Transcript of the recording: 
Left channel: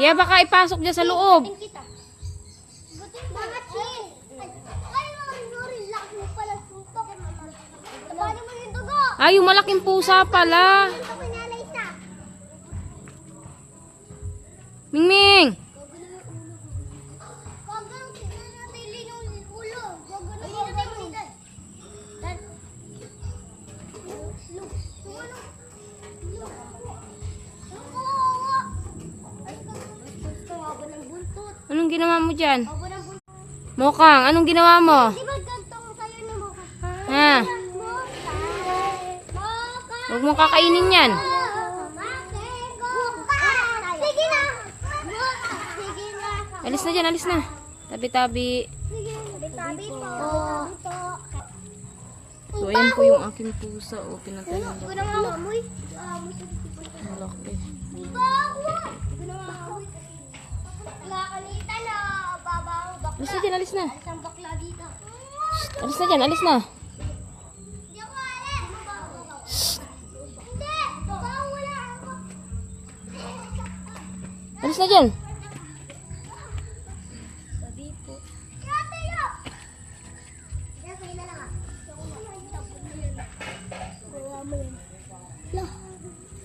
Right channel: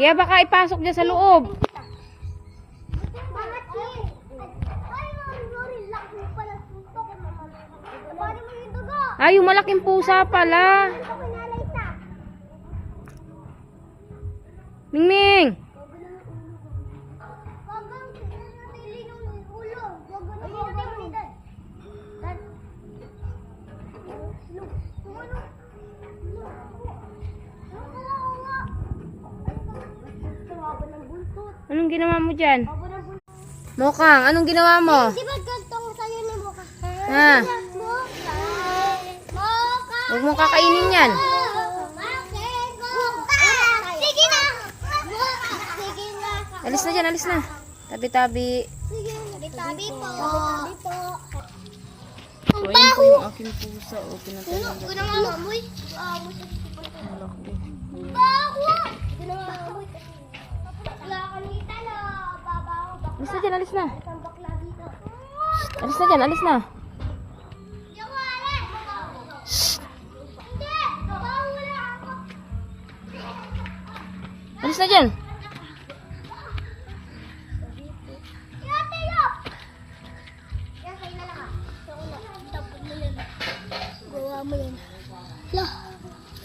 Tiya, baka ipasok dyan sa loob. Ay, yung malaking pusa pala. Mingming. Anong ginawa mo dyan? Mokang, anong ginawa mo? Di ba gantong sa'yo ni Moka? Ha? Huwag mong kakainin yan. Sige na! Sige na! Alis na dyan, alis na. Tabi-tabi. Sige, tabi po. So, ayan po yung aking pusa. O, pinatay na Huwag na nga amoy. malaki. Wala kanita na. Babaw. Bakla. Alis na dyan, alis na. Isang bakla dito. Alis na dyan, alis na. Hindi ako alam. Hindi. Wala ako. Alis na dyan. Gawa mo yan.